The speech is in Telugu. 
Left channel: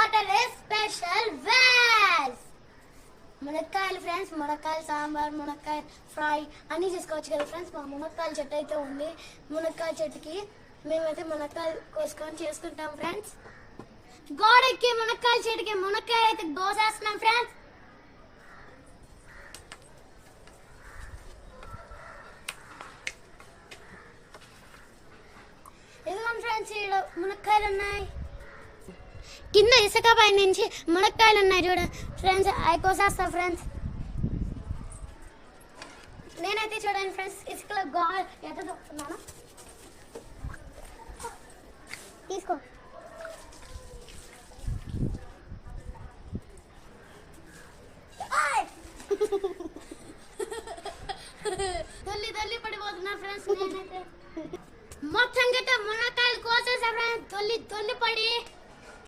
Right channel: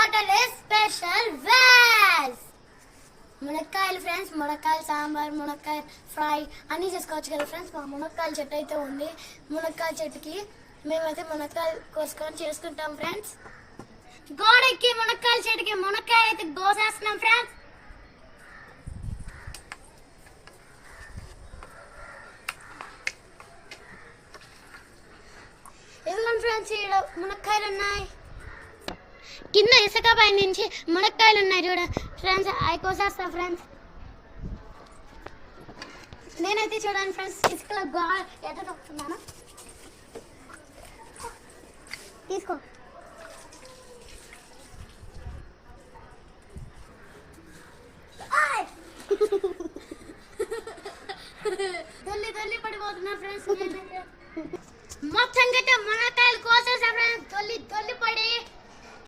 సాటర్డే స్పెషల్ వెజ్ మునక్కాయలు ఫ్రెండ్స్. మునక్కాయలు సాంబార్, మునక్కాయ ఫ్రై అన్నీ చేసుకోవచ్చు కదా ఫ్రెండ్స్. మా మునక్కాయల చెట్టు అయితే ఉంది. మునక్కాయ చెట్టుకి మేమైతే మునక్కాయలు కోసుకొని చేసుకుంటాం ఫ్రెండ్స్. గోడకి మునక్కాయల చెట్టుకి మునక్కాయ అయితే కోసేస్తున్నాం ఫ్రెండ్స్. ఇదిగోండి ఫ్రెండ్స్, ఇక్కడ మునక్కాయలు ఉన్నాయి. కింద ఇసుక పై నుంచి మునక్కాయలు ఉన్నాయి చూడ ఫ్రెండ్స్. అవి కోసేస్తా ఫ్రెండ్స్. నేనైతే చూడండి ఫ్రెండ్స్, ఇసుకలో ఎట్లా తొక్కుతున్నాను. తీసుకో.